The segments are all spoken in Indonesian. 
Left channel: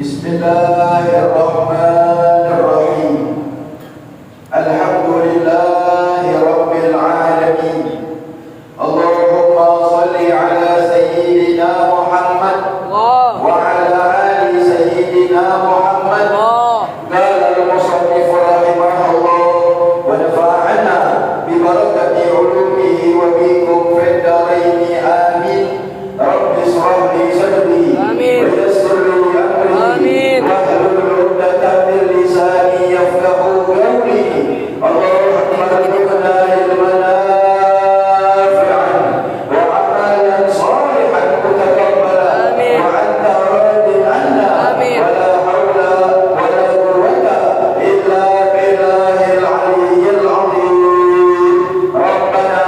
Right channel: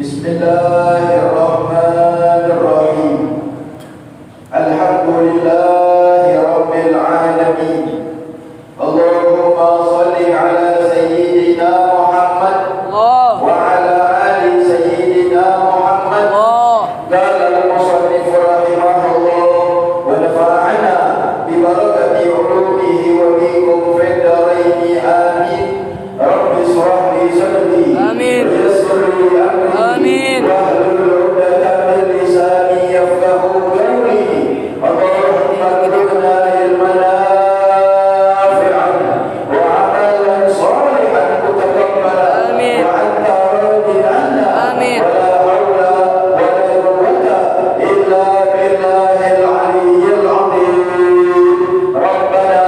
Bismillahirrahmanirrahim. Alhamdulillahi rabbil alamin. Allahumma salli ala sayyidina Muhammad wa ala ali sayyidina Muhammad. Qala al-musannif rahimahullah wa nafa'ana bi barakati ulumihi wa bikum fid dharain amin. Rabbi ishrah li sadri wa yassir li amri wahlul 'uqdatam min lisani yafqahu qawli. Allahumma arzuqna ilman nafi'an wa 'amalan salihan mutaqabbalan wa anta radin 'anna wa la hawla wa la quwwata illa billahil 'aliyyil 'azim. Rabbana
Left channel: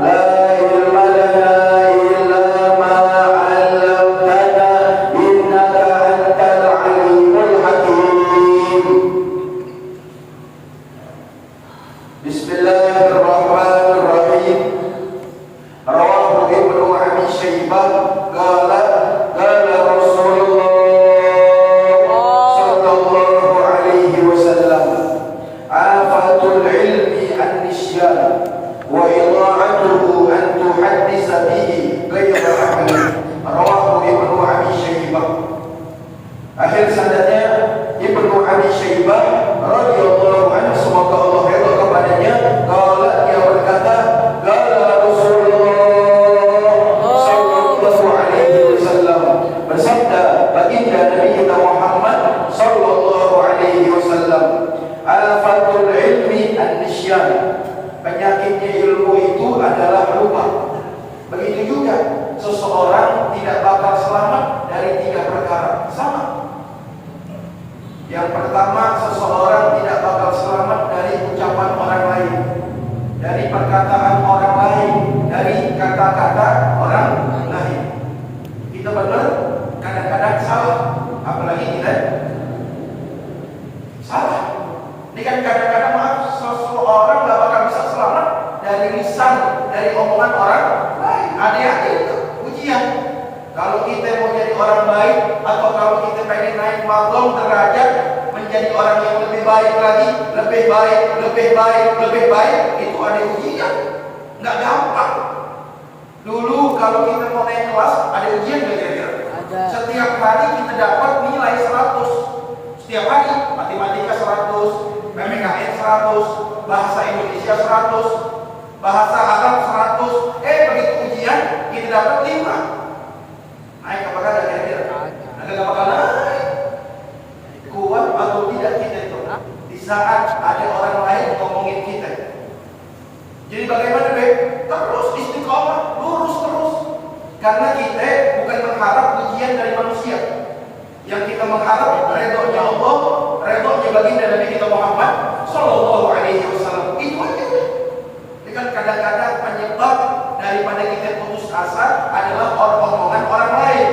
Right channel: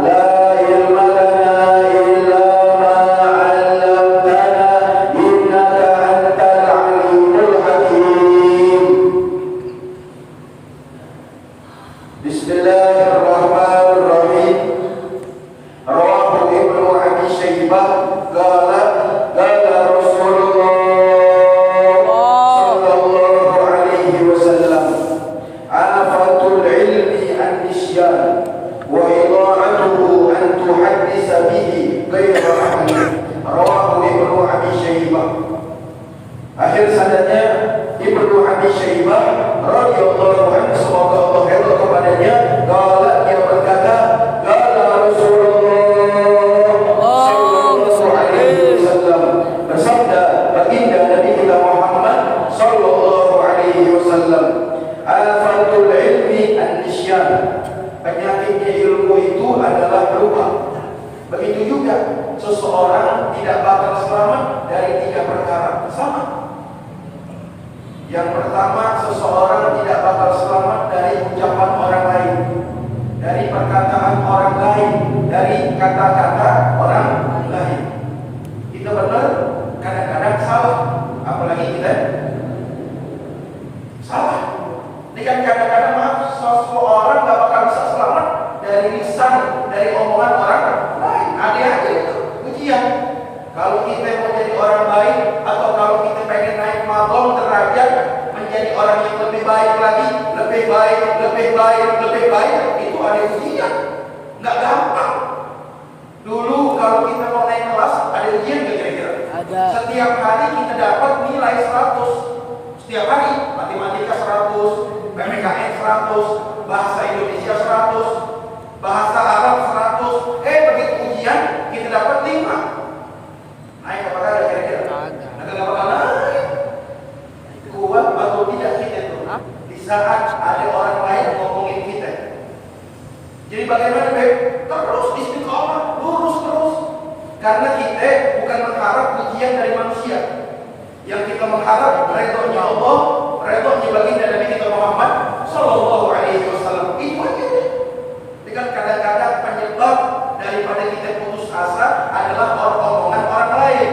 la ilma lana illa ma 'allamtana innaka antal 'alimul hakim. Bismillahirrahmanirrahim. Rawahu Ibnu Abi Syaibah qala Rasulullah sallallahu alaihi wasallam afatul ilmi an-nisyan wa ida'atuhu an tuhaddisa bihi ghayra ahli. Rawahu Ibnu Abi Syaibah. Akhir sanadnya Ibnu Abi Syaibah radhiyallahu anhu, semoga Allah ridha kepadanya, qala, dia berkata, qala Rasulullah sallallahu alaihi wasallam, bersabda baginda Nabi kita Muhammad sallallahu alaihi wasallam, afatul ilmi an-nisyan, penyakitnya ilmu itu adalah lupa. Begitu juga seseorang tidak bakal selamat dari 3 perkara. Sama. Yang pertama, seseorang tidak bakal selamat dari ucapan orang lain, dari perkataan orang lain, dari kata-kata orang lain. Kita benar, kadang-kadang salah, apalagi kita salah. Ini kan kadang-kadang, maaf, seseorang tidak bakal bisa selamat dari lisan, dari omongan orang lain. Ada itu ujian. Kalau kita mau jadi orang baik, atau kalau kita pengen naik maqam derajat, menjadi orang yang lebih baik lagi, lebih baik, lebih baik, lebih baik, itu ada ujian. Nggak gampang. Dulu kalau kita mau naik kelas, ada ujian nggak kira-kira? Ada. Setiap hari kita dapat nilai 100. Setiap hari, matematika 100, PPKN 100, bahasa Indonesia 100, bahasa Arab 100. Begitu ujian, kita dapat 5. Naik apa kagak kira-kira? Nggak bakal naik. Kuat atau tidak kita itu di saat ada orang lain ngomongin kita. Jadi bagaimana, Beb? Terus istiqomah, lurus terus. Karena kita bukan mengharap ujian dari manusia. Yang kita mengharap redhonya Allah, redhonya baginda Nabi kita Muhammad sallallahu alaihi wasallam. Itu aja. Dengan kadang-kadang penyebab daripada kita putus asa adalah omongan orang lain.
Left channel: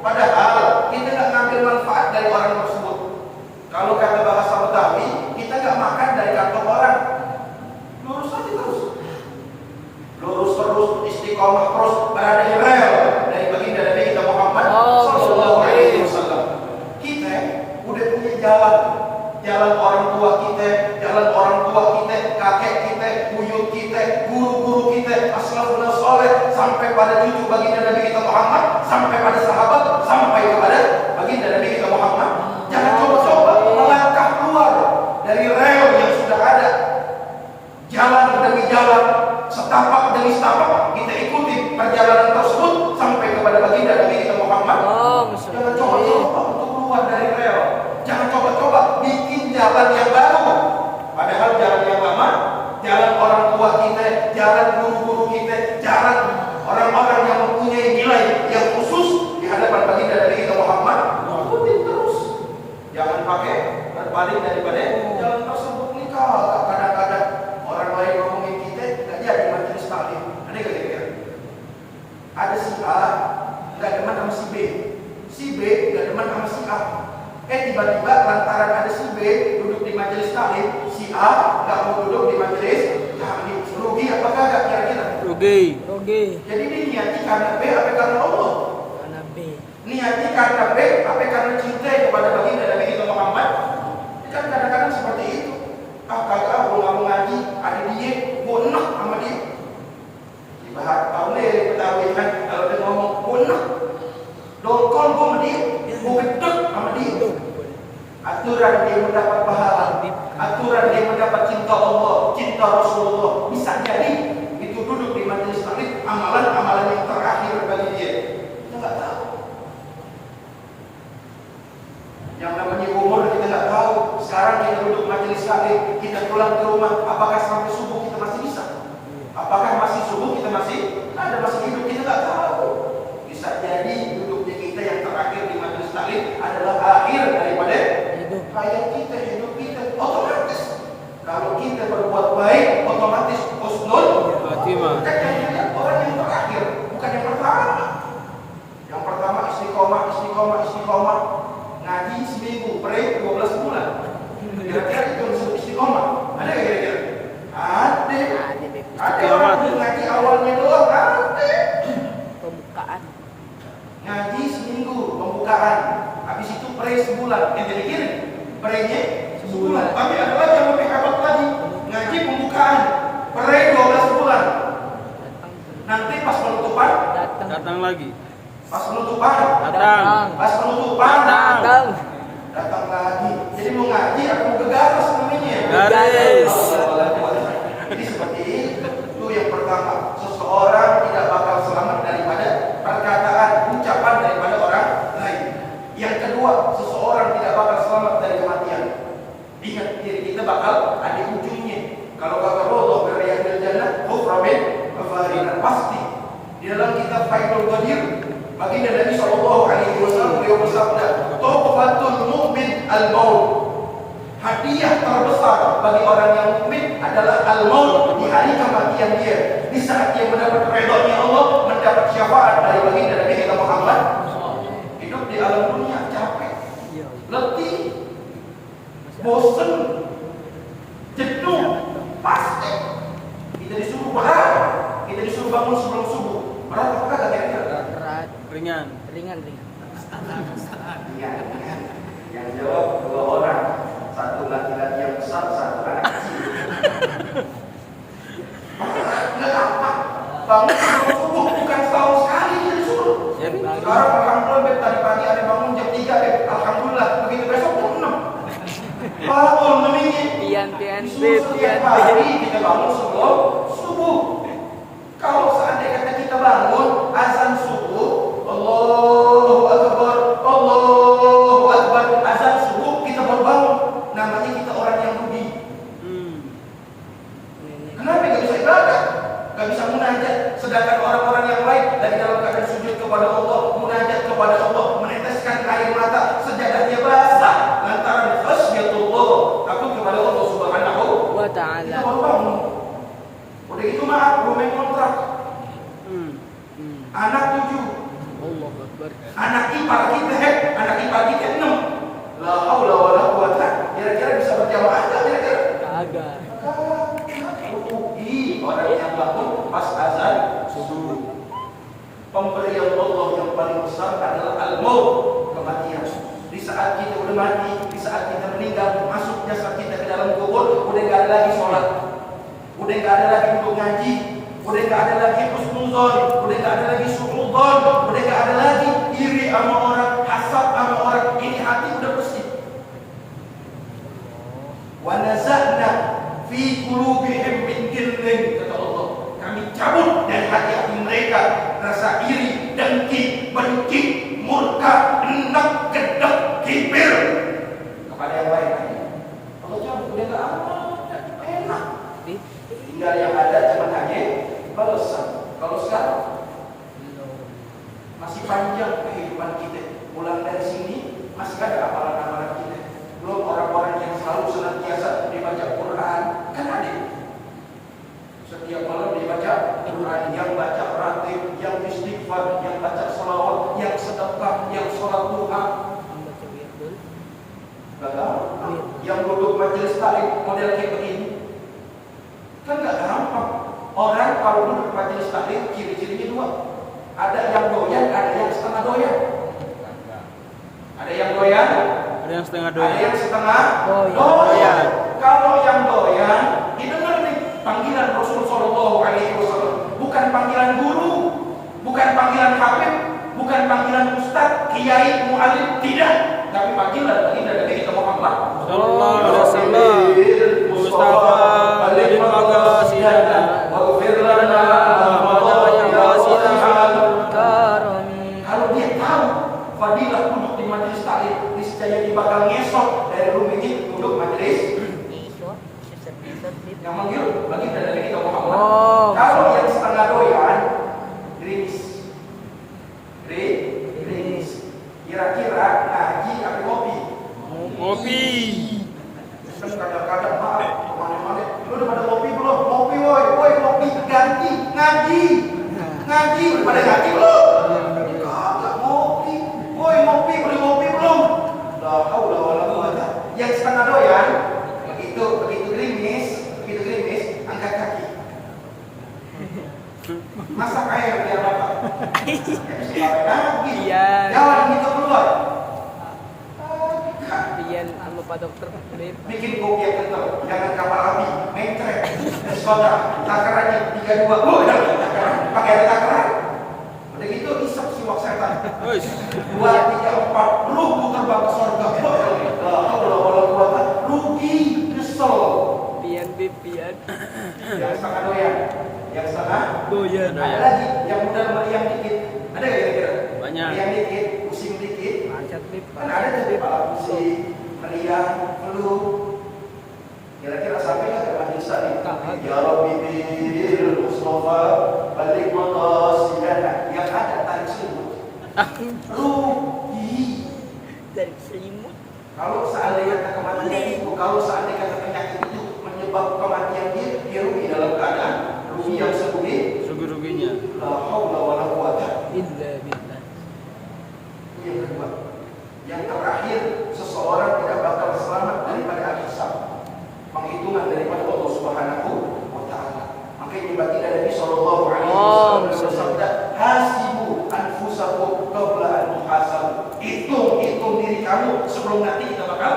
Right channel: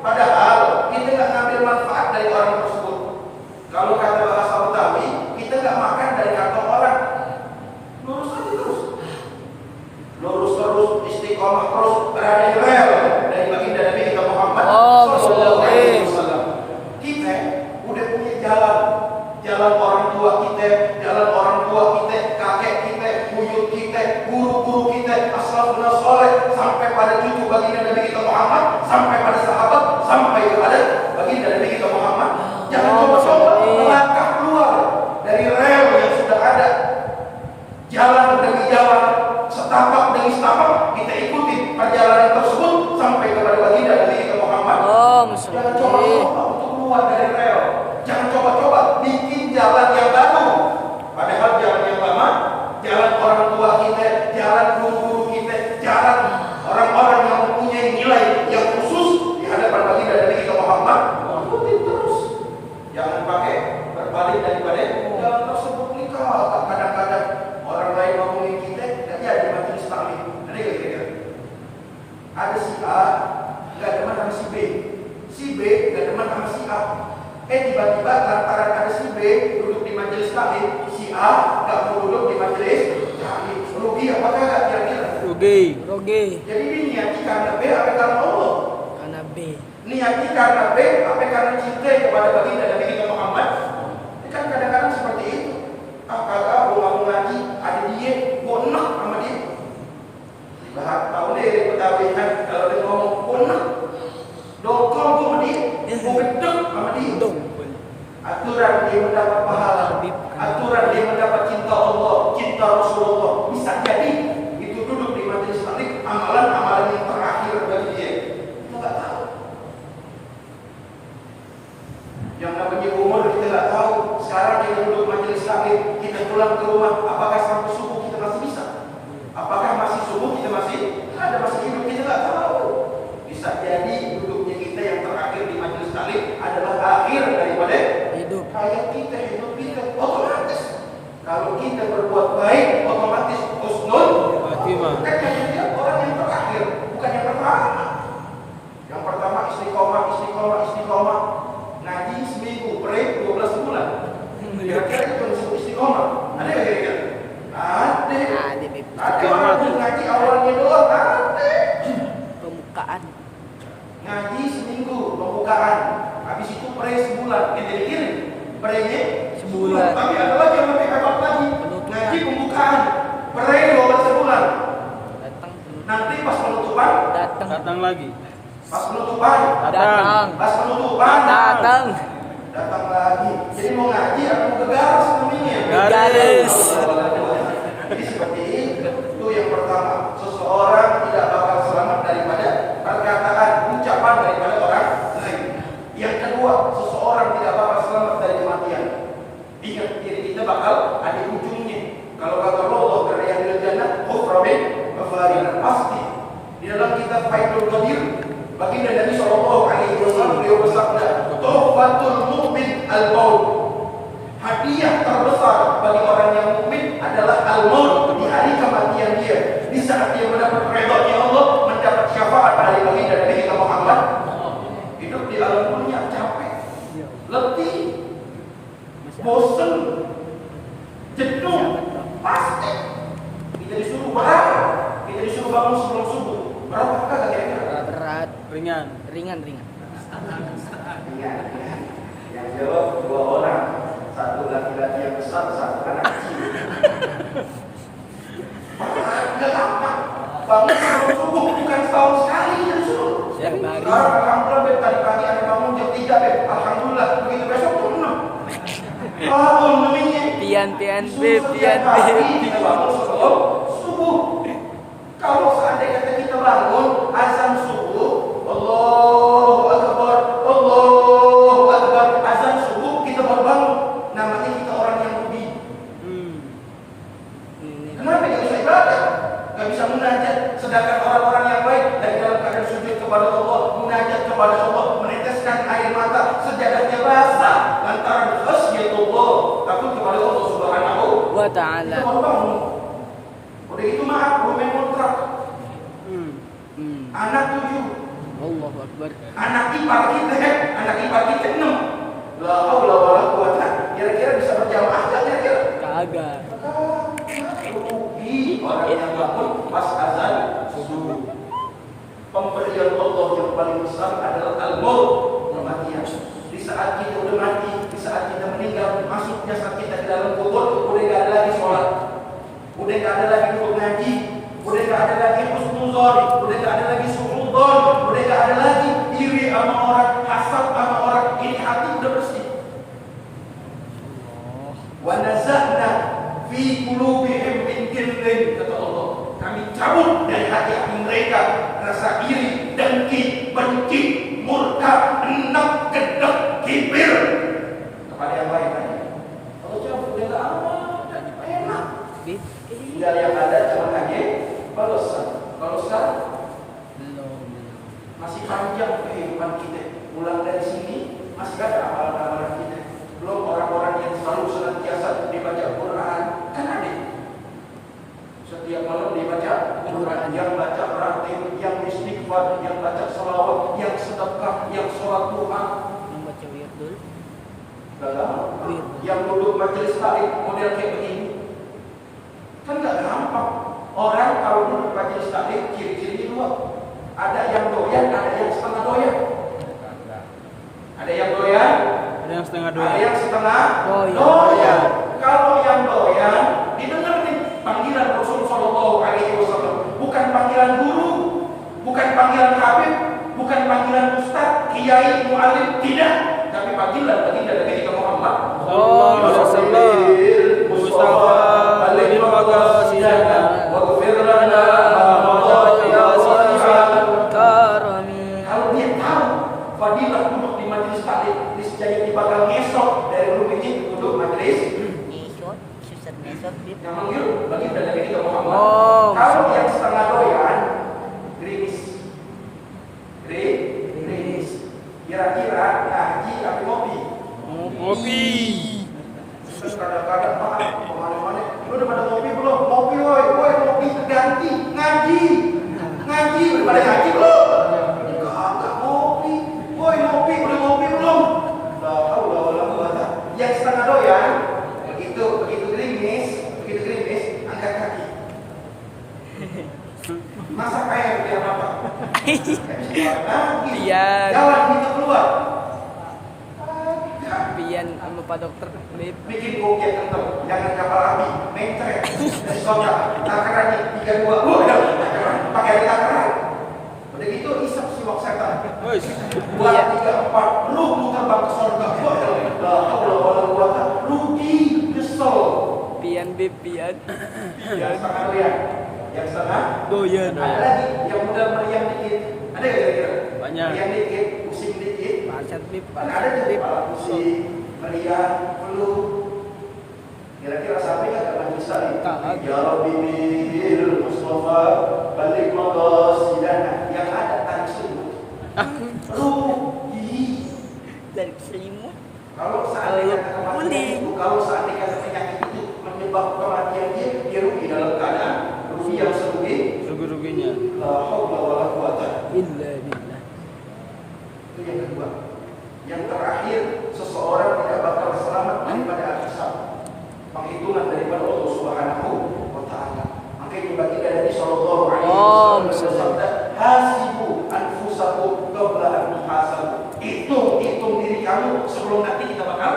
Padahal kita nggak ngambil manfaat dari orang tersebut. Kalau kata bahasa Betawi, kita nggak makan dari kantong orang. Lurus aja terus. Lurus terus, istiqomah terus, berada di rel dari baginda Nabi kita Muhammad sallallahu alaihi wasallam. Kita udah punya jalan. Jalan orang tua kita, jalan orang tua kita, kakek kita, buyut kita, guru-guru kita, aslafun saleh, sampai pada cucu baginda Nabi kita Muhammad, sampai pada sahabat, sampai kepada baginda Nabi kita Muhammad. Jangan coba-coba melangkah keluar dari rel yang sudah ada. Jalan demi jalan, setapak demi setapak, kita ikuti perjalanan tersebut sampai kepada keluar dari rel. Jangan coba-coba bikin jalan yang baru. Padahal jalan yang lama, jalan orang tua kita, jalan guru-guru kita, jalan orang-orang yang mempunyai nilai yang khusus di hadapan baginda Nabi kita Muhammad, ikutin terus. Jangan pakai berbalik daripada jalan tersebut. Nikah kadang-kadang orang lain ngomongin kita nggak jadi majelis taklim. Ada nggak kira-kira? Ada si A nggak demen sama si B, si B nggak demen sama si A. Tiba-tiba lantaran ada si B duduk di majelis taklim, si A nggak mau duduk di majelis taklim. Rugi apa kagak kira-kira? Rugi. Jadi ini niatnya karena B apa karena Allah? Karena B. Niatnya karena B apa karena cinta kepada baginda Nabi kita Muhammad? Kan kadang-kadang seperti itu. Kagak gua nggak mau ngaji, ada dia, gua enak sama dia. Bahas tahu deh petawihan kalau dia ngomong gua enak, dongkol gua sama dia, gua gedek sama dia. Aturan dia mendapat pahala, aturan dia mendapat cinta Allah, cinta Rasulullah. Bisa jadi itu duduk di majelis taklim amalan-amalan yang terakhir bagi dia. Kita nggak tahu. Yang namanya umur kita nggak tahu. Sekarang kita duduk majelis taklim, kita pulang ke rumah, apakah sampai subuh kita masih bisa? Apakah masih subuh kita masih ada, masih hidup, kita nggak tahu. Bisa jadi duduknya kita yang terakhir di majelis taklim adalah akhir daripada hidup. Hayat kita, hidup kita otomatis. Kalau kita berbuat baik, otomatis husnul khatimah. Kayaknya orang yang terakhir, bukan yang pertama. Yang pertama istiqomah. Ngaji seminggu, pray 12 bulan. Kira-kira itu yang disebut istiqomah. Ada nggak kira-kira? Ada orang yang ngaji awalnya doang, ada. Pembukaan. Ngaji seminggu, pembukaan. Habis itu pray sebulan. Kira-kira praynya sebulan. Tapi ada lagi yang lebih hebat lagi. Ngaji pembukaan, pray 12 bulan. Nanti pas penutupan datang lagi. Pas penutupan datang. Pas penutupan datang lagi. Jadi mau ngaji atau mau gegaris namanya? Garis. Jadi seperti itu yang pertama, seseorang tidak bakal selamat daripada perkataan, ucapan daripada orang lain. Yang kedua, seseorang tidak bakal selamat dari kematian. Ingat, diri kita bakal ada ujungnya. Kalau kata Allah berayat jannah, khuframin kafarinan, pasti. Di dalam kitab Faidul Qadir, baginda Nabi sallallahu alaihi wasallam beliau bersabda, "Tuhfatul mu'min al-maut." Hadiah terbesar bagi orang yang mukmin adalah al-maut, di hari kematian dia. Di saat dia mendapat ridha Allah, mendapat syafaat dari baginda Nabi kita Muhammad. Hidup di alam dunia capek, letih, bosan, jenuh, pasti. Kita disuruh berat, kita disuruh bangun sebelum subuh. Berat apa kagak kira-kira? Berat. Ringan. Ya, yang jawab 2 orang, satu laki-laki yang besar, satu anak kecil. Nggak gampang. Bangun sebelum subuh bukan setahun sekali kita disuruh. Sekarang alhamdulillah Beb, tadi pagi ada bangun jam 3 Beb. Alhamdulillah, begitu besok jam 6. Bangun namanya. Pian Setiap hari kita bangun sebelum subuh. Kalau seandainya kita bangun azan subuh, Allahu Akbar, azan subuh kita baru bangun. Namanya kita orang yang rugi. Kenapa gak bisa ibadah? Gak bisa munajat. Sedangkan orang-orang yang baik dari dalam keadaan sujud kepada Allah, munajat kepada Allah, meneteskan air mata, sajadahnya basah lantaran khasyatullah, takut kepada Allah Subhanahu wa ta'ala. Kita baru bangun. Udah itu maaf, belum main kontrak. Anak 7. Allahu Akbar. Anak ipar kita 6. La haula wala quwata. Kira-kira bisa berjamaah enggak kira-kira? Kagak. Rugi orang yang bangun pas azan subuh. Pemberian Allah yang paling besar adalah al-maut, kematian. Di saat kita udah mati, di saat kita meninggal, masuk jasad kita ke dalam kubur, udah enggak ada lagi sholat, udah enggak ada lagi untuk ngaji, udah enggak ada lagi husnuzon, udah enggak ada lagi suudzon, udah enggak ada lagi iri sama orang, hasad sama orang. Ini hati udah bersih. Wa naza'na fi qulubihim min ghillin, kata Allah, kami cabut dari hati-hati mereka rasa iri, dengki, benci, murka, enak, kedengki. Masih panjang kehidupan kita. Pulang dari sini masih ada amalan-amalan kita. Belum orang-orang yang selalu senantiasa dibaca Quran. Kan ada. Setiap malam dibaca Quran, yang baca ratib, yang istighfar, yang baca salawat, yang sedekah, yang sholat duha. Yang baca wirdul. Yang duduk majelis taklim model kayak begini. Kan gak gampang. Orang kalau duduk majelis taklim ciri-cirinya dua. Ada yang doyan, ada yang setengah doyan. Ada yang doyan, Ada yang setengah ada yang setengah doyan. doyan. Kalau yang doyan, didengar nih panggilan Rasul Sallallahu Alaihi Wasallam. Bukan panggilan guru, bukan panggilan habib, bukan panggilan ustaz, kiai, muallim, tidak. Tapi panggilan baginda Nabi kita Muhammad Sallallahu Alaihi Wasallam. Mustafa alaihi wasallam. waghfir lana ma qadara ya Tuhan. Kalau dia tahu fadilah duduk di majelis taklim, niscaya dia bakal ngesok dari rumah ini duduk majelis. Yang manggil baginda Nabi kita Muhammad. Kalau yang setengah doyan, gerimis. Gerimis. Kira-kira ngaji atau ngopi? Kopi. Terus kadang-kadang maaf, kemana-mana. Lu udah pada ngopi belum? Ngopi woi ngopi ganti ngaji. Ngaji udah pada ngaji belum? Kagak ngopi. Woi ngopi udah ngopi belum? La haula wala quwata. Yang setengah doyan, begitu gerimis, angkat kaki. Masak air biar bapak. Iya. Jalan gitu keluar. Pian anu Pak Dokter. Bikin kopi yang kental, jangan kapal api, mencret, soda, takarannya 32, udah takaran, pakai ada takaran. Udah gitu isap siwak setan. 2, 3, 4, lu terbang ke surga. Rugi, nyesel. Pian pian. Yang setengah doyan, yang setengah Doyan. ada lagi yang mudah meriang dikit. Ada nggak kira-kira? Banyak. Meriang dikit, pusing dikit. Kan ada tuh kepala pusing, meriang, flu. Kira-kira sampai nggak ke majelis taklim? Ya Rabbi bil Mustafa balik maqasidana. Yang ada tarik selimut. Rugi. Dari selimut. Kalau seandainya kematian itu, kalau seandainya penyakit itu menyebabkan kematian dia rugi dalam keadaan rugi yang serugi. Rugi-ruginya. La haula wala quwata Illa billah. itu yang kedua. Yang terakhir, seseorang tidak bakal selamat daripada hisab, penghitungan daripada Allah Subhanahu wa taala. Makanya baginda Nabi sallallahu alaihi wasallam bersabda, "Hasibu anfusakum qabla an tuhasabu." Hitung diri kamu sebelum nanti kita bakal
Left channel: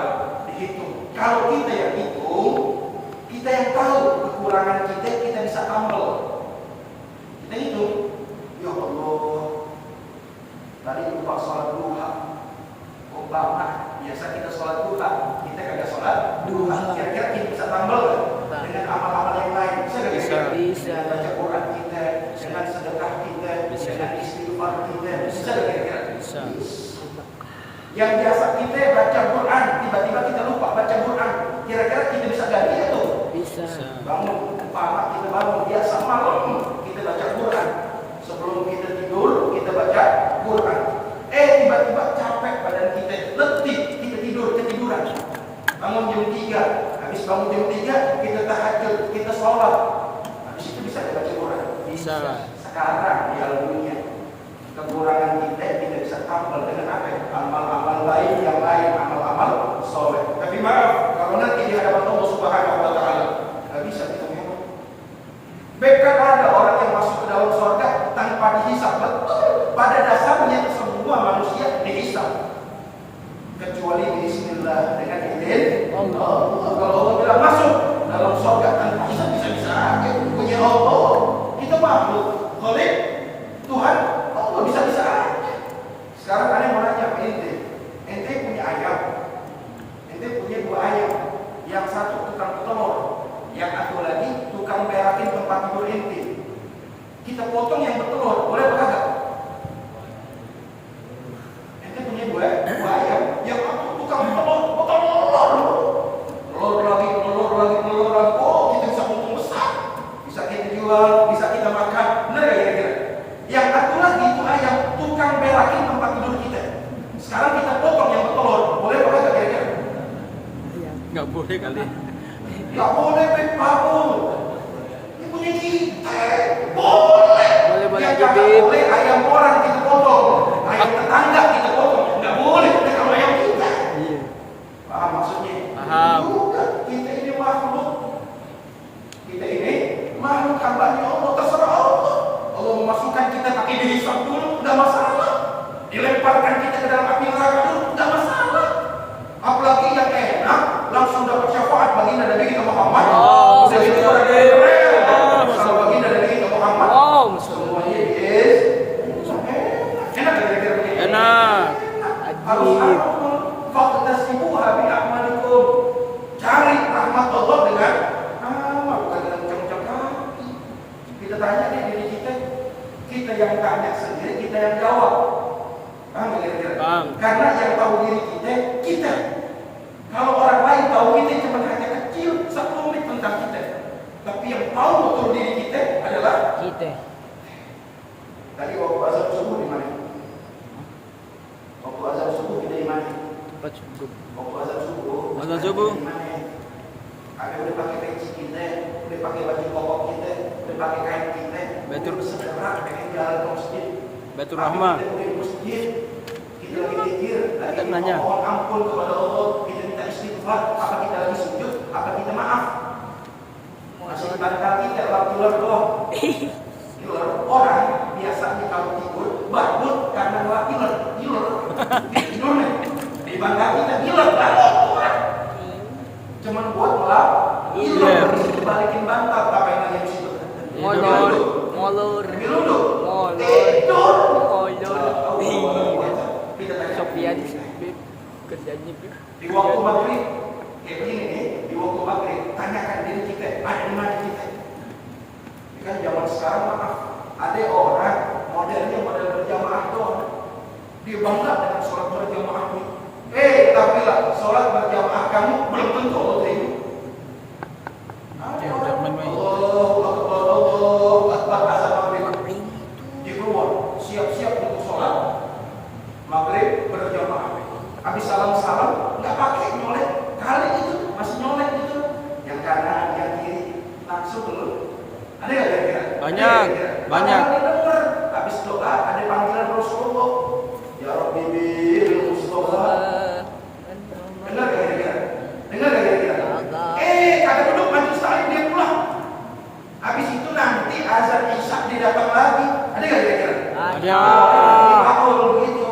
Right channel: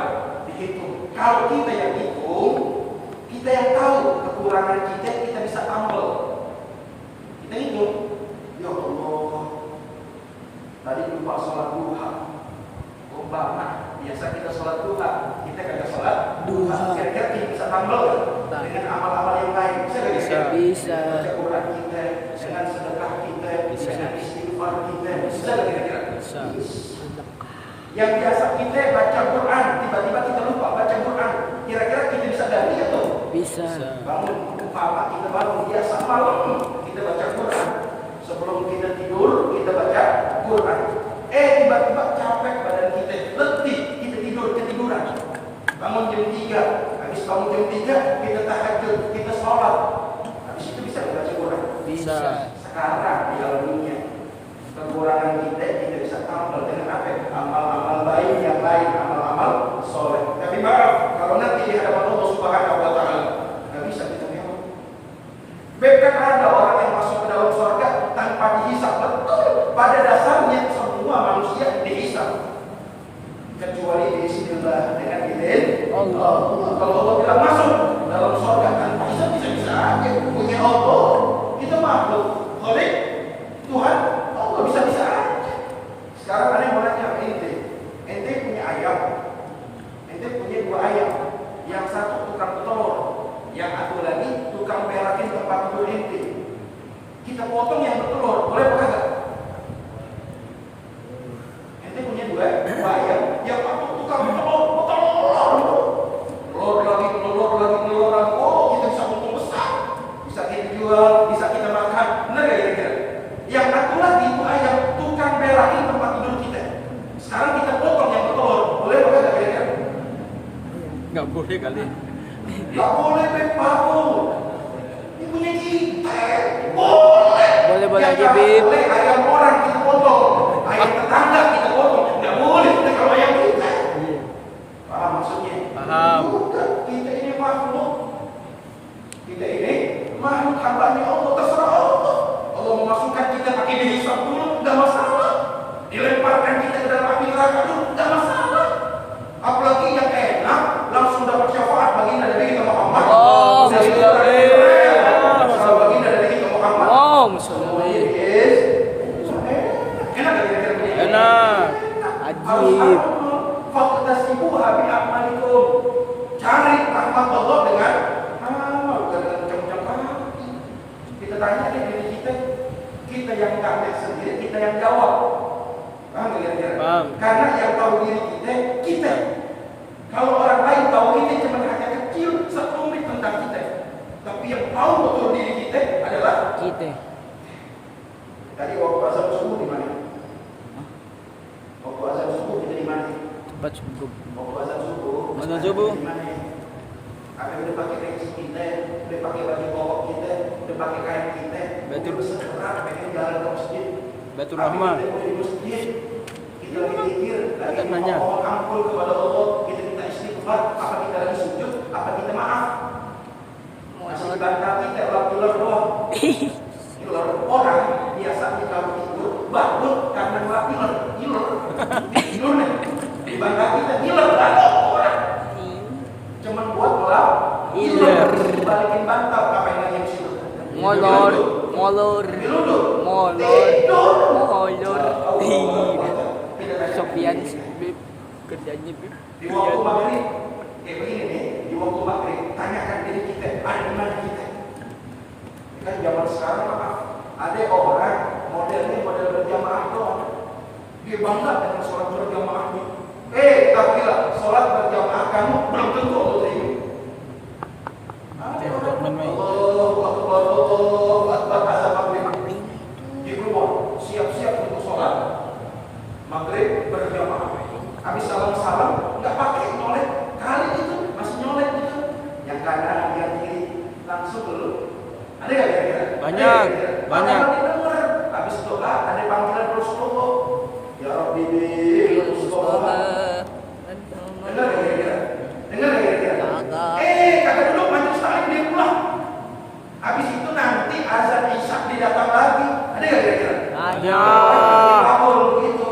dihitung. Kalau kita yang hitung, kita yang tahu kekurangan kita bisa tambal. Kita hitung, ya Allah, tadi lupa sholat duha. Umpama biasa kita sholat duha, kita kagak sholat duha. Kira-kira kita bisa tambal kan? Dengan amal-amal yang lain. Bisa nggak kira-kira? Bisa. Dengan baca Quran kita, dengan sedekah kita, dengan istighfar kita. Bisa nggak kira-kira? Bisa. Yang biasa kita baca Quran, tiba-tiba kita lupa baca Quran. Kira-kira kita bisa ganti atau? Bisa. Bangun, umpama kita bangun biasa malam kita baca Quran. Sebelum kita tidur kita baca Quran. Tiba-tiba capek badan kita, letih, kita ketiduran. Bangun jam 3, habis bangun jam 3 kita tahajud, kita sholat. Habis itu bisa baca Quran. Bisa. Sekarang di dalam dunia kekurangan kita bisa tambal dengan apa? Amal-amal baik yang lain, amal-amal soleh. Tapi maaf, kalau nanti di hadapan Allah Subhanahu wa taala, nggak bisa kita mewah. Bahkan ada orang yang masuk ke dalam surga tanpa dihisab. Betul. Pada dasarnya semua manusia dihisab. Kecuali bismillah dengan izin Allah. Kalau Allah bilang masuk dalam surga tanpa hisab, bisa-bisa aja punya Allah. Kita makhluk. Oleh Tuhan, Allah bisa-bisa aja. Sekarang ada yang mau nanya ente punya ayam, ente punya 2 ayam, yang satu tukang telur, yang satu lagi tukang berakin tempat tidur ente. Kita potong yang bertelur, boleh apa kagak? Ente punya 2 ayam, yang satu tukang telur, telur lagi. Oh, kita bisa untung besar, bisa kita jual, bisa kita makan, benar gak kira-kira? Yang satu lagi itu ayam tukang Boleh kali. Nggak boleh Paul. Ini punya kita. Boleh. Boleh Yang aja, nggak Bib. boleh ayam orang kita potong, ayam tetangga kita potong. Nggak boleh. Kita kalau ayam kita. Iya. Paham maksudnya? Paham. Juga kita ini makhluk. Kita ini makhluk hambanya Allah, terserah Allah. Allah memasukkan kita pakai dihisab dulu, nggak masalah. Dilemparkan kita ke dalam api neraka dulu, nggak masalah. Apalagi yang enak, langsung dapat syafaat baginda Nabi kita Muhammad. Oh, Udah itu orang keren. Sama baginda Nabi kita Muhammad. Oh, Semua Muhammad. yes. Enak gak kira-kira begini? Enak. Ajib. Faktasibuha bi a'malikum. Cari rahmat Allah dengan amal, bukan dengan ucap-ucap kaki. Kita tanya deh diri kita yang tanya sendiri, kita yang jawab. Paham gak kira-kira? Paham. Karena yang tahu diri kita. Kalau orang lain tahu kita cuma hanya kecil, 1 menit tentang kita. Tapi yang tahu betul diri kita adalah Kita. tadi waktu azan subuh di mana? Waktu azan subuh kita di mana? Tempat subuh. Waktu azan subuh. Azan subuh. Di mana? Ada udah pakai peci kita, udah pakai baju koko kita, udah pakai kain kita. Betul. Udah segera pengen jalan ke masjid. Betul Tapi Rahman. kita udah di masjid. Kita lagi pikir, lagi Tak nanya. mohon ampun kepada Allah, kita minta istighfar, apa kita lagi sujud, apa kita maaf? Masih dibantah kita orang tular doang. Iler orang biasanya kalau tidur bangun karena nggak iler tidurnya dibantah kita iler bangun orang cuman buat melap iler di situ balikin bantal ngapain lagi di situ Molor. diruduk Molor. tidur Molor. kita tanya Sofian, Bib. Kerjanya, Bib. di waktu maghrib kayak begini nih di waktu maghrib tanyakan diri kita ada di mana kita. Kan zaman sekarang maaf ada orang modelnya model berjamaah doang dia bangga dengan sholat berjamaah ini tapi lah sholat berjamaah kamu belum tentu Allah terima. Ada orang Allahu Akbar azan maghrib dia keluar siap-siap untuk sholat maghrib berjamaah habis salam-salam nggak pakai nyolek kali itu masih nyolek itu yang kanan yang kiri langsung dulu. Ada nggak kira-kira? Banyak. Padahal didengar. Habis doa ada panggilan Rasulullah. Ya Rabbi bil Mustafa. Dengar nggak kira-kira? Dengar nggak kira-kira? Kagak duduk majelis taklim dia pulang. Habis itu nanti azan isya dia datang lagi. Ada nggak kira-kira? Ada. Bakul begitu.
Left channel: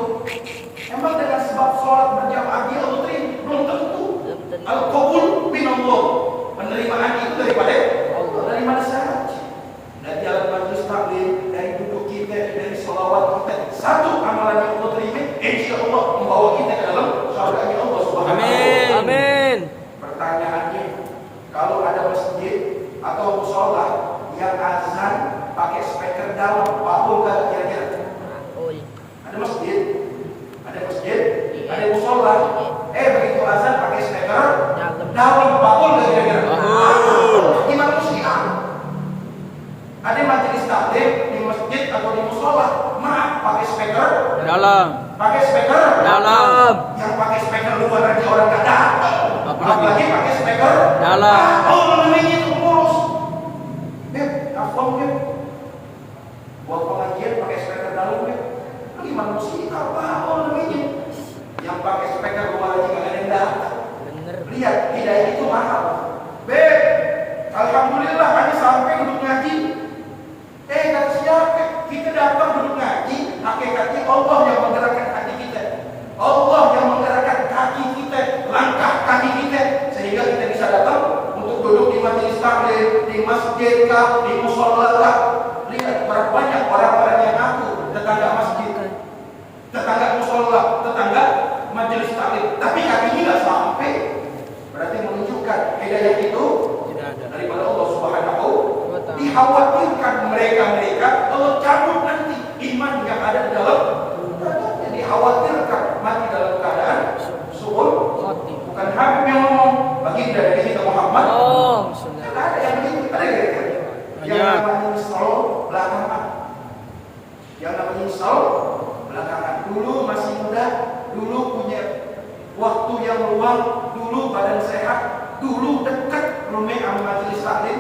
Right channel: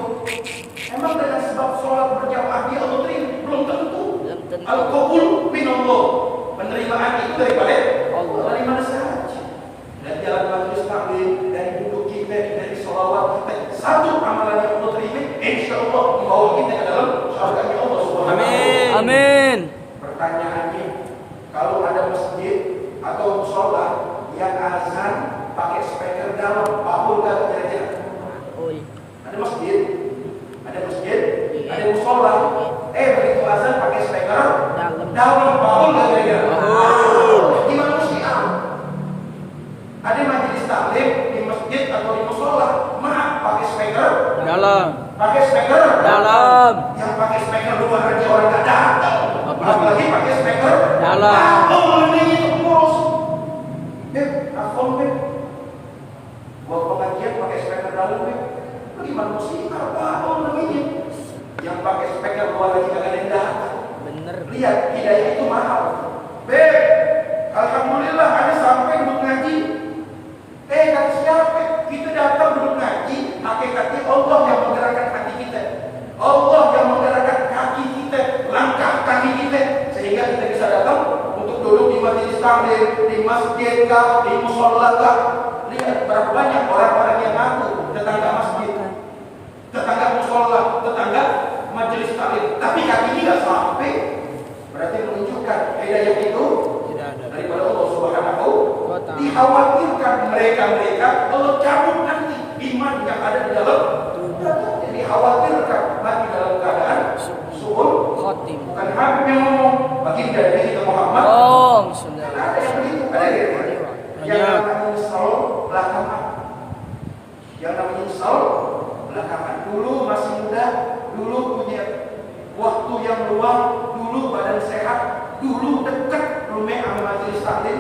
Emang dengan sebab sholat berjamaah dia Allah terima? Belum tentu. Al-qabul minallah. Penerimaan itu daripada Allah. Dari mana saja? Dari jalan majelis taklim, dari duduk kita, dari sholawat kita. Satu amalan yang Allah terima, insya Allah membawa kita ke dalam surganya Allah Subhanahu wa Ta'ala. Amin. Pertanyaannya, kalau ada masjid atau musola yang azan pakai speaker dalam, Paul gak kira-kira? Oi. Ada masjid, ada musola. Begitu azan pakai speaker dalam, Paul gak kira-kira? Gimana sih? Ada majelis taklim di masjid atau di musola, maaf pakai speaker Dalam. pakai speaker Dalam. yang pakai speaker luar aja orang nggak datang, apalagi pakai speaker Dalam. namanya itu ngurus. Telepon buat pengajian pakai speaker dalam gimana sih? Apa namanya? Yang pakai speaker luar aja nggak ada yang datang. Bener. Lihat, hidayah itu mahal. Alhamdulillah ada sampai duduk ngaji. Kata siapa? Kita datang duduk ngaji, hakikatnya Allah yang menggerakkan hati kita. Allah yang menggerakkan kaki kita, langkah kaki kita, sehingga kita bisa datang untuk duduk di majelis taklim, di masjid kah, di musola kah. Lihat berapa banyak orang-orang yang ngaku tetangga masjid, tetangga musola, tetangga majelis taklim, tapi kakinya nggak sampai. Berarti menunjukkan hidayah itu Tidak ada. daripada Allah Subhanahu. Dikhawatirkan mereka Allah cabut nanti iman yang ada di dalam. Jadi dikhawatirkan mati dalam keadaan suul Khotim. bukan Habib yang ngomong baginda dari kita Muhammad. Oh, Kan sudah. ada yang begitu, ada yang yang namanya nyesal belakangan. Yang namanya nyesal belakangan. Dulu masih muda, dulu punya waktu yang luang, dulu badan sehat, Dulu dekat rumah sama majelis taklim,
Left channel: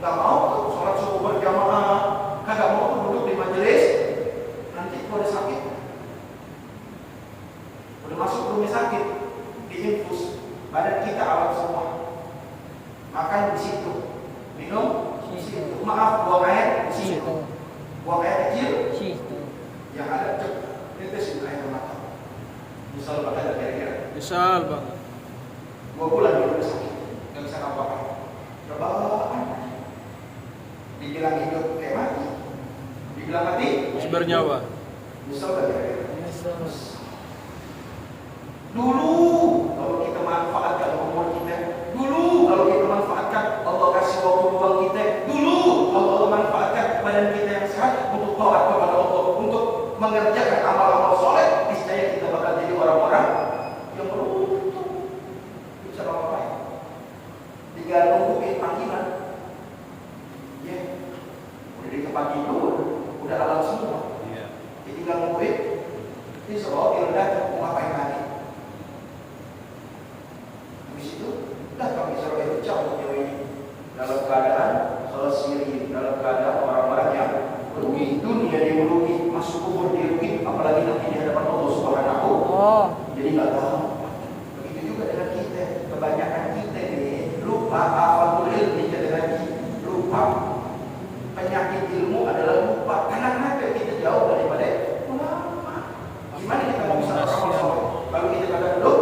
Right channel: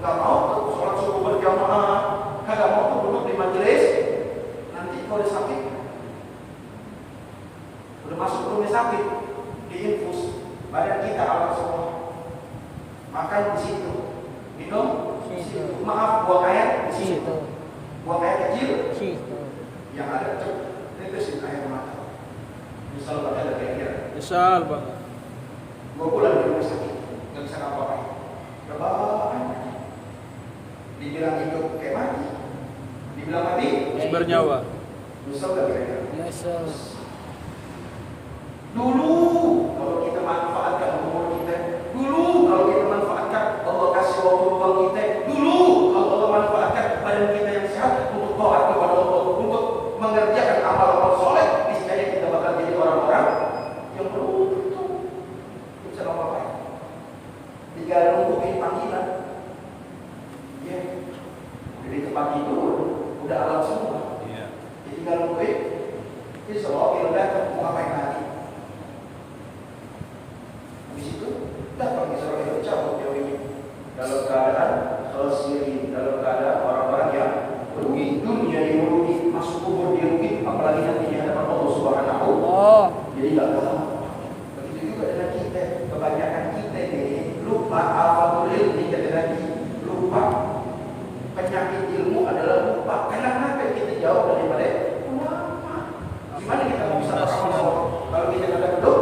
nggak mau tuh sholat subuh berjamaah, kagak mau tuh duduk di majelis. Nanti kalau udah sakit, udah masuk rumah sakit, diinfus, badan kita alat semua. Makan di situ, minum di situ. Maaf, buang air di situ. Buang air kecil, yang ada tetesin air mata. Misal ada kira-kira. Misal bang. 2 bulan di rumah sakit, nggak bisa ngapa-ngapain. Rebahan. Dibilang hidup kayak mati. Dibilang mati, Masih bernyawa. misal gak kira-kira. Dulu kalau kita manfaatkan umur kita, dulu kalau kita manfaatkan Allah kasih waktu luang kita, dulu kalau Allah manfaatkan badan kita yang sehat untuk taat kepada Allah, untuk mengerjakan amal-amal soleh, niscaya kita bakal jadi orang-orang yang beruntung. Bisa ngapain? Tinggal nungguin panggilan. Ya, udah di tempat tidur, udah alam semua. Jadi tinggal nungguin. Insya Allah kita mau ngapain lagi? Habis itu datang Israel itu cabut jauh ini dalam keadaan khasirin, dalam keadaan orang-orang yang rugi, dunia dirugi, masuk kubur dirugi, apalagi nanti di hadapan Allah Subhanahu. Jadi nggak tahu. Begitu juga dengan kita, kebanyakan kita ini lupa afatul ilmi, jadi lagi lupa. Penyakit ilmu adalah lupa. Kenapa kita jauh daripada ulama? Gimana kita mau bisa beramal soleh kalau kita kadang duduk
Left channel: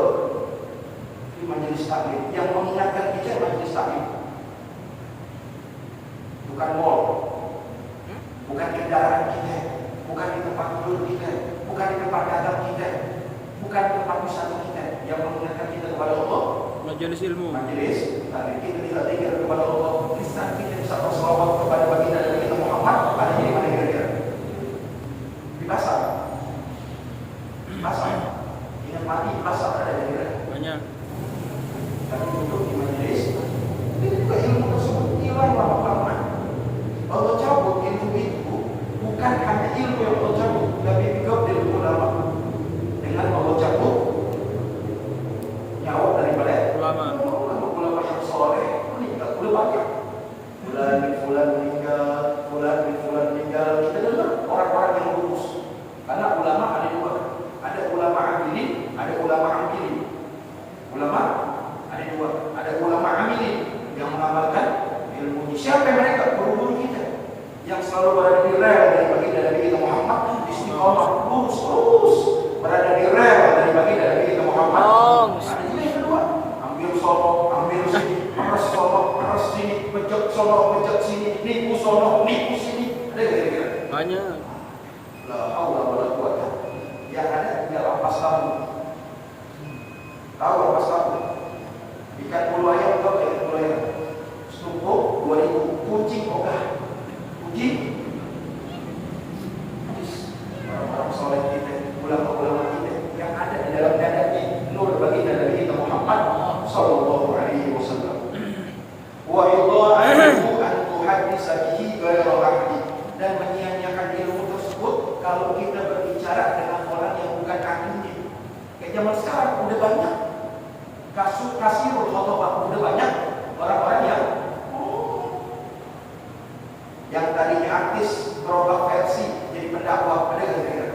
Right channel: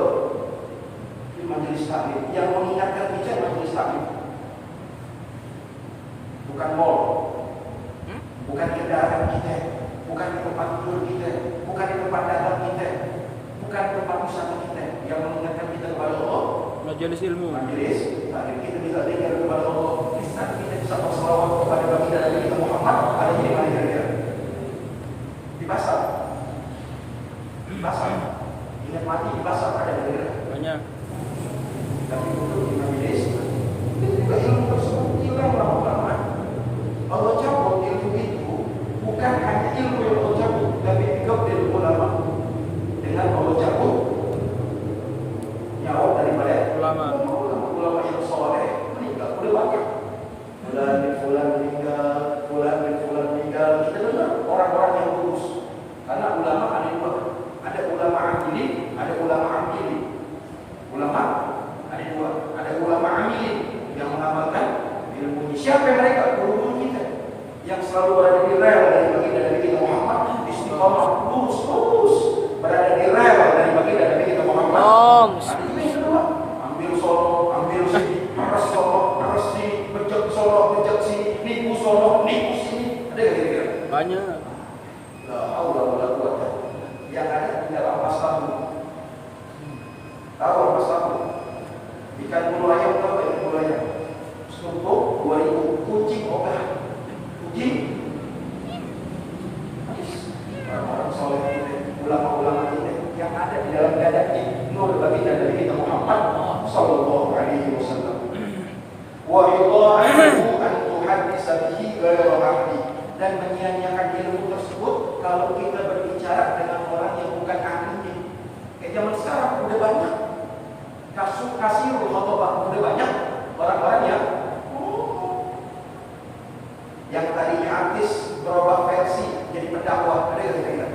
majelis taklim, yang mengingatkan kita majelis taklim, bukan mall, bukan kendaraan kita, bukan di tempat tidur kita, bukan di tempat dagang kita, bukan di tempat usaha kita. Yang mengingatkan kita kepada Allah, Majelis ilmu. majelis taklim. Kita bisa dengar kepada Allah, kita bisa berselawat kepada baginda Nabi kita Muhammad. Ada di mana kira-kira? Di pasar, di pasar. Ingat mati di pasar ada kira-kira? Banyak. Tapi duduk di majelis, itu juga ilmu tersebut hilang lama-lama. Allah cabut ilmu itu, bukan hanya ilmu yang Allah cabut, tapi juga ilmu ulama. Dengan Allah cabut nyawa daripada Ulama. ulama yang soleh meninggal, udah banyak. Fulan bin fulan meninggal, fulan bin fulan meninggal. Kita dengar orang-orang yang lulus. Karena ulama ada dua, ada ulama amilin, ada ulama amilin. Ulama ada dua, ada ulama amilin yang mengamalkan ilmu. Siapa mereka? Guru-guru kita yang selalu berada di rel dari baginda Nabi kita Muhammad, istiqomah lurus terus berada di rel dari baginda Nabi kita Muhammad. Ada juga yang kedua, ambil solo, ambil sini, harus solo, harus sini, pejak solo, pejak sini, nipu solo, nipu sini. Ada kira-kira? Banyak. La haula wala quwwata. Yang ada tinggal ampas tahu. Tahu ampas tahu? Ikan bulu ayam, tahu ikan bulu ayam? Setumpuk 2.000, kucing ogah. Kucing. Orang-orang soleh kita, ulama-ulama kita yang ada di dalam dadanya nur baginda Nabi kita Muhammad sallallahu alaihi wasallam. Wa yudha'u an tuhaddisa bihi ghairu ahli, dan menyia-nyiakan ilmu tersebut kalau kita berbicara dengan orang yang bukan ahlinya. Kayak zaman sekarang udah banyak kasih khotbah, udah banyak orang-orang yang tadinya artis berubah versi jadi pendakwah. Ada kira-kira?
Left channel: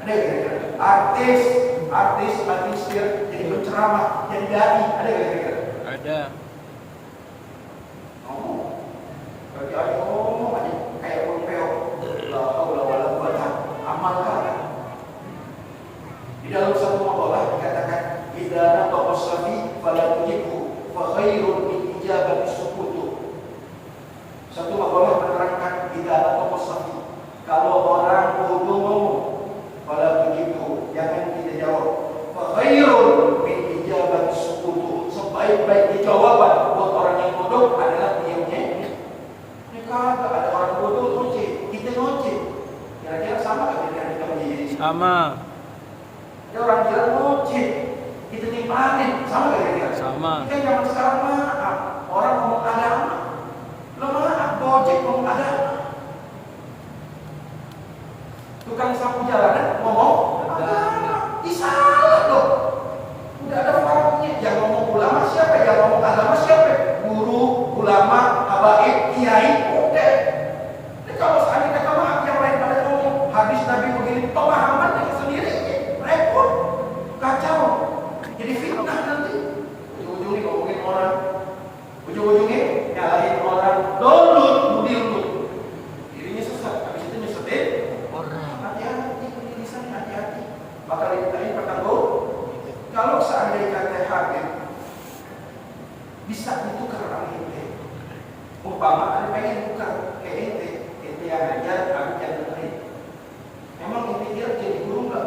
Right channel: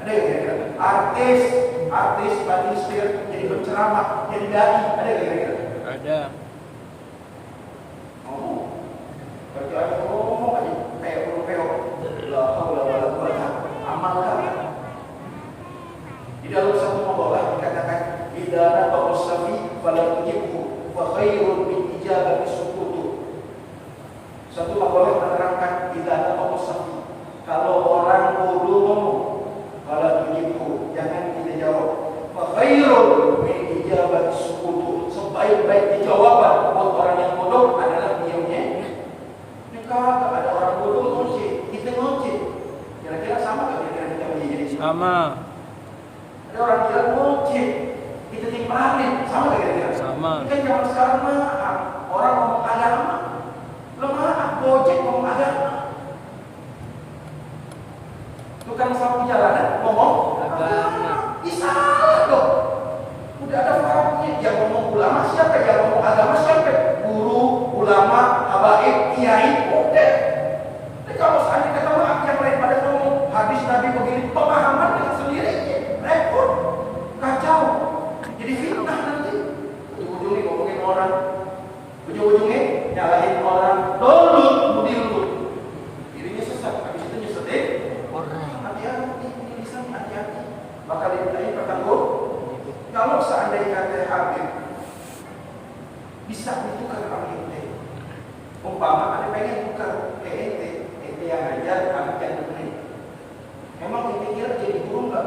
Ada kira-kira? Artis jadi penceramah, jadi dai. Ada kira-kira? Ada. Berarti aja ngomong aja kayak burung peok. La haula wala quwwata amalkan. Di dalam satu maqalah dikatakan idza nataqa safi fala tujibhu fa khairun min ijabati sukutu. Satu maqalah menerangkan idza nataqa safi, kalau orang bodoh ngomong fala tujibhu, jangan kita jawab. Fa khairun min ijabati sukutu, sebaik-baik jawaban buat orang yang bodoh adalah diamnya. Kagak ada orang bodoh ngoceh, kita ngoceh. Kira-kira sama gak pikiran kita menjadi? Sama. Ada orang kira ngoceh, kita timpanin, sama gak kira-kira? Sama. Kan zaman sekarang maaf, orang ngomong agama, lemah, gojek ngomong agama. Tukang sapu jalanan ngomong agama, salah dong. Udah ada faktornya, yang ngomong ulama siapa, yang ngomong agama siapa? Apakah dimintain pertanggung? Kalau seandainya teh Habib bisa ditukar sama ente, umpama ada pengen tukar ke ente yang ajar, Habib yang dengerin. Memang ente kira jadi guru nggak?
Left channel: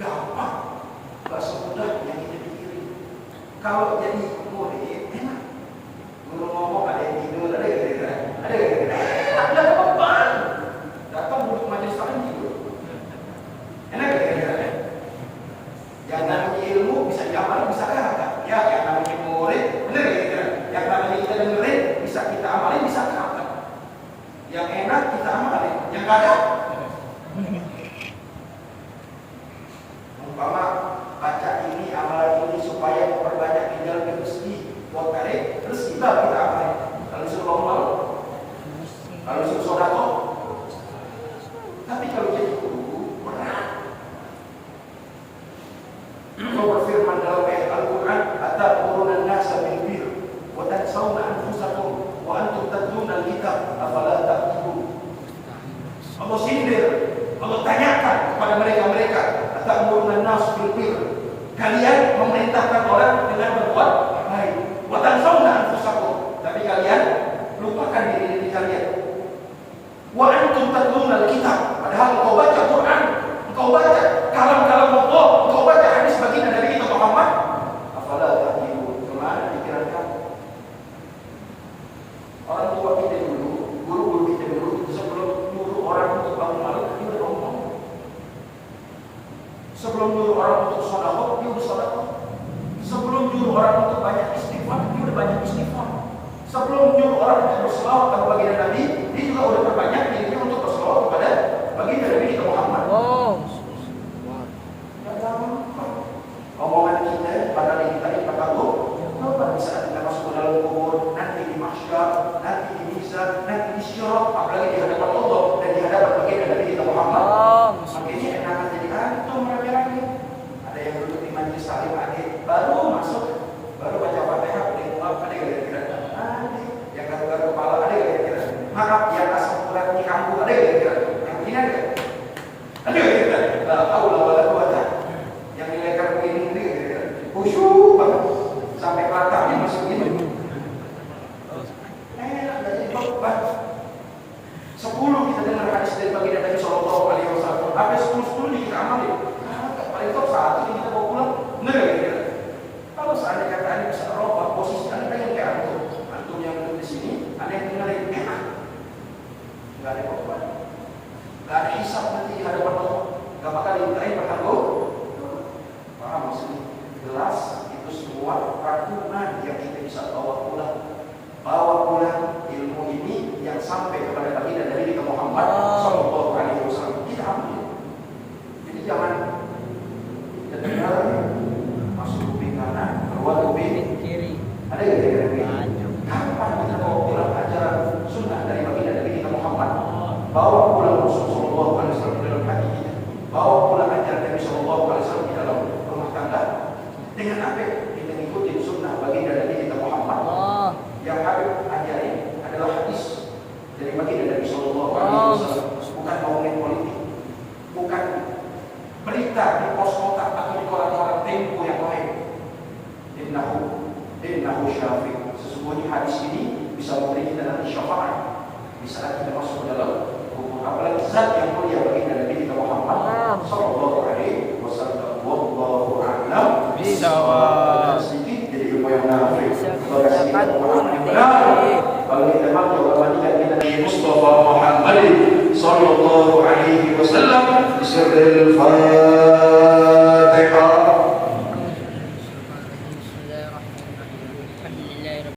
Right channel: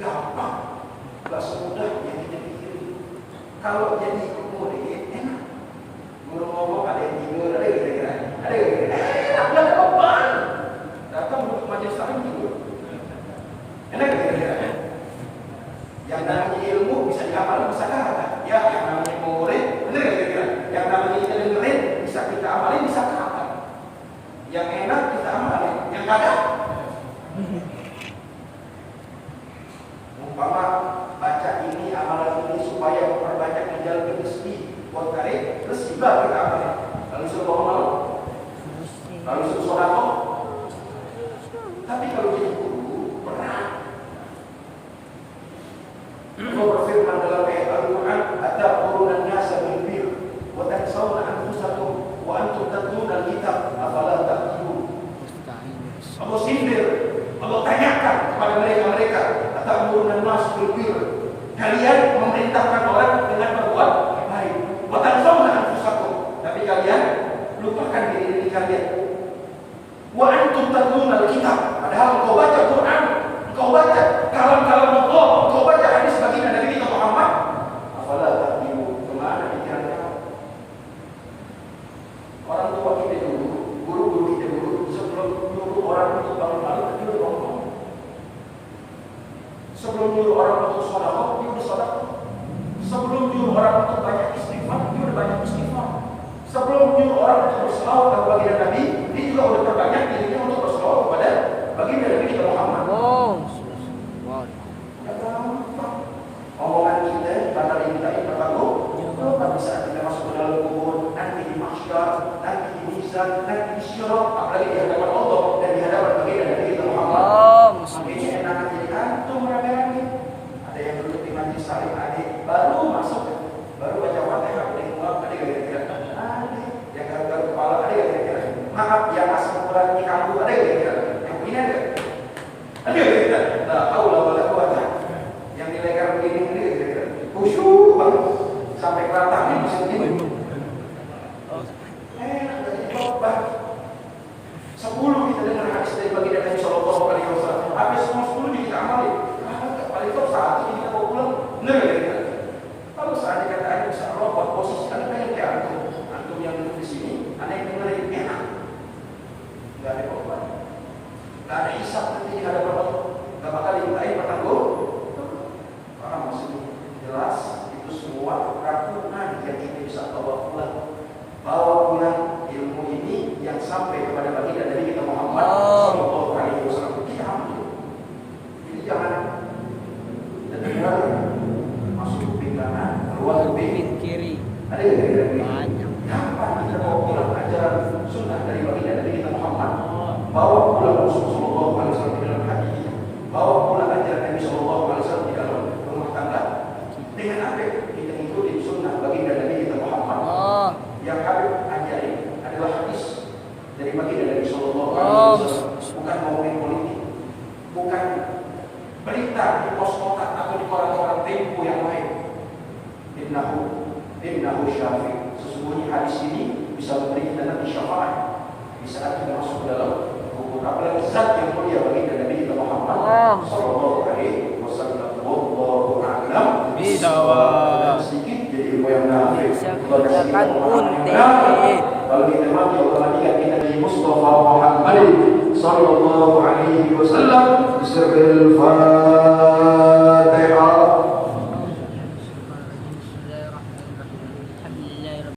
Gampang, nggak semudah yang kita pikirin. Kalau jadi murid enak. Guru ngomong ada yang tidur, ada yang tidur, ada yang tidur. Enak, nggak ada beban. Datang duduk majelis taklim tidur. Enak gitu. Yang namanya ilmu bisa diamalin, bisa kata. Ya, yang namanya murid, bener gitu. Yang namanya kita dengerin, bisa kita amalin, bisa kata. Yang enak kita amalin, yang ada. Umpama baca ini, amalan ini supaya memperbanyak tinggal rezeki buat tarik rezeki baru kita amalin. Kalau disuruh bangun malam, kalau disuruh sedekah. Tapi kalau jadi guru berat. Allah berfirman dalam ayat Al-Quran, "Atamuruna an-nasa bil birri wa tansawna anfusakum wa antum tatluna al-kitab afala ta'qilun." Allah sindir, Allah tanyakan kepada mereka, "Atamuruna an-nasa bil birri." Kalian memerintahkan orang dengan berbuat baik. Wa tansawna anfusakum. Tapi kalian lupakan diri kalian. Wa antum tatluna al-kitab. Padahal engkau baca Quran, engkau baca kalam-kalam Allah, engkau baca hadis baginda Nabi kita Muhammad. Afala ta'qilun? Kemana pikiran kamu? Orang tua kita dulu, guru-guru kita dulu, sebelum nyuruh orang untuk bangun malam, dia udah bangun malam. Sebelum nyuruh orang untuk sedekah, dia udah sedekah. Sebelum nyuruh orang untuk banyak istighfar, dia udah banyak istighfar. Sebelum nyuruh orang untuk berselawat kepada baginda Nabi, dia juga udah perbanyak dirinya untuk berselawat kepada baginda Nabi kita Muhammad. Omongan kita pada dimintai pertanggung, pada saat kita masuk ke dalam kubur, nanti di mahsyar, nanti di mizan, nanti di syirat, apalagi di hadapan Allah dan di hadapan baginda Nabi kita Muhammad. Makanya enak jadi antum rame-rame. Ada yang duduk di majelis taklim, adik baru masuk, baru baca Fatihah, paling muap, ada yang kira-kira, yang garuk-garuk kepala, ada yang kira-kira, maaf yang asam urat di kampung, ada yang kira-kira, yang begini ada. Ada yang kira-kira, la haula wala quwata. Yang dilegar begini ada yang kira-kira, khusyuk banget, sampai para taklim bisa begini. Enak jadi beban. 10 kita dengar hadis dari baginda Nabi Sallallahu Alaihi Wasallam, habis 10 kita amalin. Paling top 1 kita bawa pulang, benar kira-kira. Kalau seandainya kata Anda bisa merubah posisi Anda pengen kayak antum yang duduk di sini, Anda yang dengerin enak, nggak ada beban, nggak ada hisab nanti di hadapan Allah, nggak bakal dimintain pertanggung. Paham maksudnya? Jelas itu semua rangkuman yang kita bisa bawa pulang. Bawa pulang ilmu ini yang sampai kepada baginda Nabi kita Muhammad Sallallahu Alaihi Wasallam. Kita ambil. Jadi jangan kita dengar masuk kuping kanan, keluar kuping kiri. Ada yang kira-kira kapan kita bawa pulang ajaran sunnah dari baginda Nabi kita Muhammad? Bawa pulang Rasul Sallallahu Alaihi Wasallam dalam hati kita. Bawa pulang ajaran Nabi Sallallahu Alaihi Wasallam di dalam rumah tangga. Dengan apa? Kita ikuti sunnah baginda Nabi kita Muhammad. Yang Habib ajari adalah hadis dari baginda Nabi Sallallahu Alaihi Wasallam, bukan ngomongin politik, bukan berita di pos kotak atau di koran-koran Tempo yang lain. Innahu syafi. Sesungguhnya hadis ini bisa memberi kita nanti syafaat di saat kita masuk ke dalam kubur. Apalagi zat yang mulia baginda Nabi kita Muhammad Sallallahu Alaihi Wasallam. Wallahu a'lam bishawab. Sedikit jadi ilmu yang nafi. Kalau kita baca ulama kita di Mustafa Muhammad Sallallahu Alaihi Wasallam di sirril Fatihah.